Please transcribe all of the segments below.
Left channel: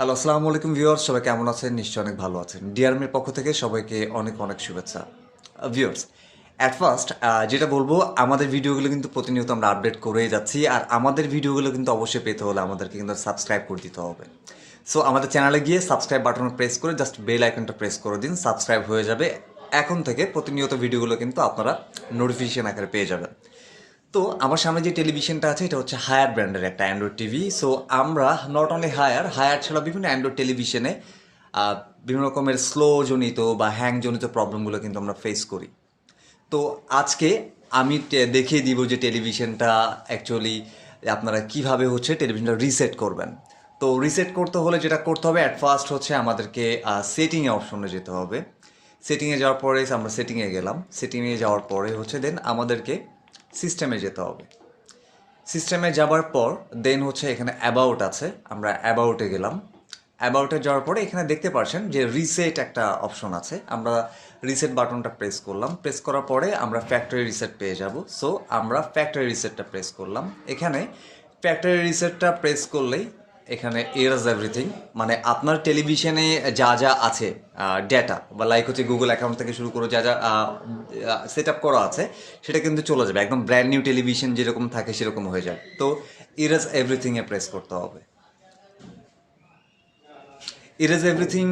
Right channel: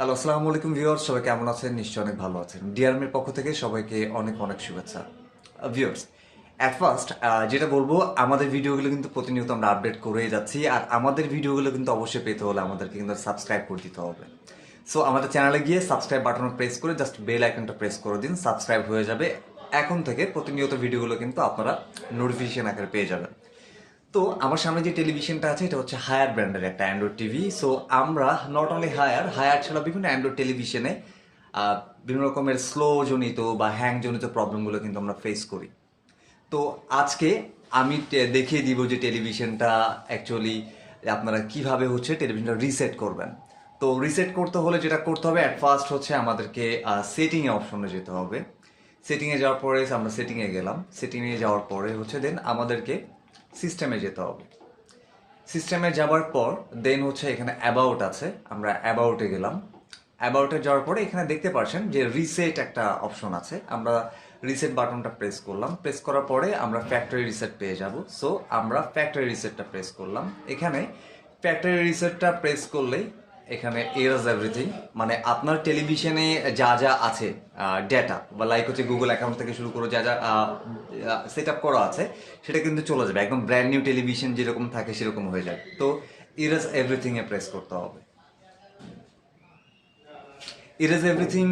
Hello, আসসালামু আলাইকুম viewers, সবাই কেমন আছেন? নিশ্চয়ই অনেক ভালো আছেন। ডিআরএমের পক্ষ থেকে সবাইকে অনেক অনেক শুভেচ্ছা। ভিউয়ার্স, অ্যাট ফার্স্ট যেটা বলবো, আমাদের ভিডিওগুলো কিন্তু প্রতিনিয়ত আমরা আপডেট করেই যাচ্ছি, আর আমাদের ভিডিওগুলো কিন্তু অবশ্যই পেতে হলে আমাদেরকে কিন্তু সাবস্ক্রাইব করে দিতে হবে। সো আমাদের চ্যানেলে গিয়ে সাবস্ক্রাইব বাটনে প্রেস করে জাস্ট বেল আইকনটা প্রেস করে দিন, সাবস্ক্রাইব হয়ে যাবে। এখন থেকে প্রতিনিয়ত ভিডিওগুলো কিন্তু আপনারা নোটিফিকেশন আকারে পেয়ে যাবেন। তো আমার সামনে যে টেলিভিশনটা আছে এটা হচ্ছে হায়ার ব্র্যান্ডের একটা অ্যান্ড্রয়েড টিভি। সো আমরা নট অনলি হায়ার ছাড়া বিভিন্ন অ্যান্ড্রয়েড টেলিভিশনে বিভিন্ন রকমের স্লো জনিত বা হ্যাং জনিত প্রবলেমগুলো কিন্তু আমরা ফেস করি। তো আজকে আমি দেখিয়ে দিব যে টেলিভিশনটা অ্যাকচুয়ালি আপনারা কিভাবে হচ্ছে টেলিভিশনটা রিসেট করবেন। তো রিসেট করতে হলে যেটা করতে হবে, অ্যাট ফার্স্ট হচ্ছে আমাদেরকে সেটিংয়ে অপশনে যেতে হবে। সেটিংয়ে যাওয়ার পরে আমরা সেটিংয়ে গেলাম। সেটিংয়ে যাওয়ার পরে হচ্ছে দেন আমাদেরকে সিস্টেমে যেতে হবে। সিস্টেমে যাওয়ার পর দেন হচ্ছে এখানে অ্যাবাউট আছে, আমরা অ্যাবাউটে গেলাম। অ্যাবাউটে যাওয়ার পরে এখানে দেখতে পাচ্ছেন যে রিসেট একটা অপশন আছে, আমরা রিসেট বাটনটা প্রেস করলাম। প্রেস করার পরে আমরা ফ্যাক্টরি রিসেট পেয়ে যাব। সো আমরা ফ্যাক্টরি রিসেটটা প্রেস করলাম। এখানে ফ্যাক্টরি রিসেটটা প্রেস করলেই এখানে এরাজ এভরিথিং, মানে আপনার টেলিভিশনে যা যা আছে ডেটা বা লাইক হচ্ছে গুগল অ্যাকাউন্ট থেকে শুরু করে যা যা সেট আপ করা আছে সেটা কিন্তু চলে যাবে, একদম ব্র্যান্ড নিউ টেলিভিশন যেরকম থাকে সেরকম হয়ে যাবে। তো ইরেজ এভরিথিংয়ে প্রেস করতে হবে। ইরেজ এভরিথিং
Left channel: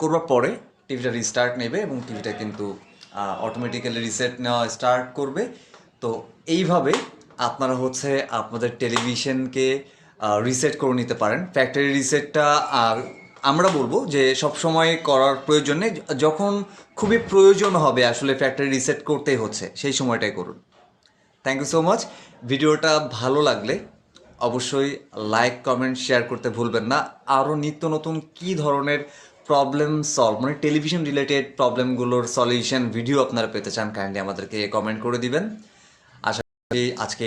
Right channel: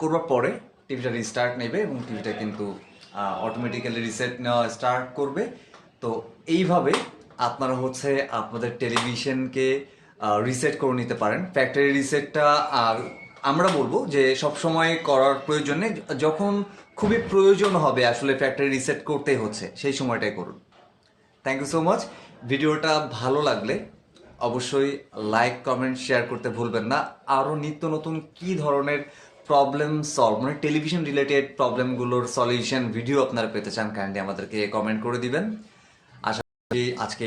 করবার পরে টিভিটা রিস্টার্ট নেবে এবং টিভিটা কিন্তু অটোমেটিক্যালি রিসেট নেওয়া স্টার্ট করবে। তো এইভাবে আপনারা হচ্ছে আপনাদের টেলিভিশনকে রিসেট করে নিতে পারেন। ফ্যাক্টরি রিসেটটা আমরা বলবো যে সব সময় করার প্রয়োজন নেই, যখন খুবই প্রয়োজন হবে আসলে ফ্যাক্টরি রিসেট করতেই হচ্ছে সেই সময়টাই করুন। Thank you so much. ভিডিওটা ভালো লাগলে অবশ্যই লাইক কমেন্ট শেয়ার করতে ভুলবেন না। আরও নিত্য নতুন কী ধরনের প্রবলেম সলভ, মানে টেলিভিশন রিলেটেড প্রবলেমগুলোর সলিউশন ভিডিও আপনারা পেতে চান, কাইন্ডলি আমাদেরকে কমেন্ট করে দিবেন। আশা করি আজকে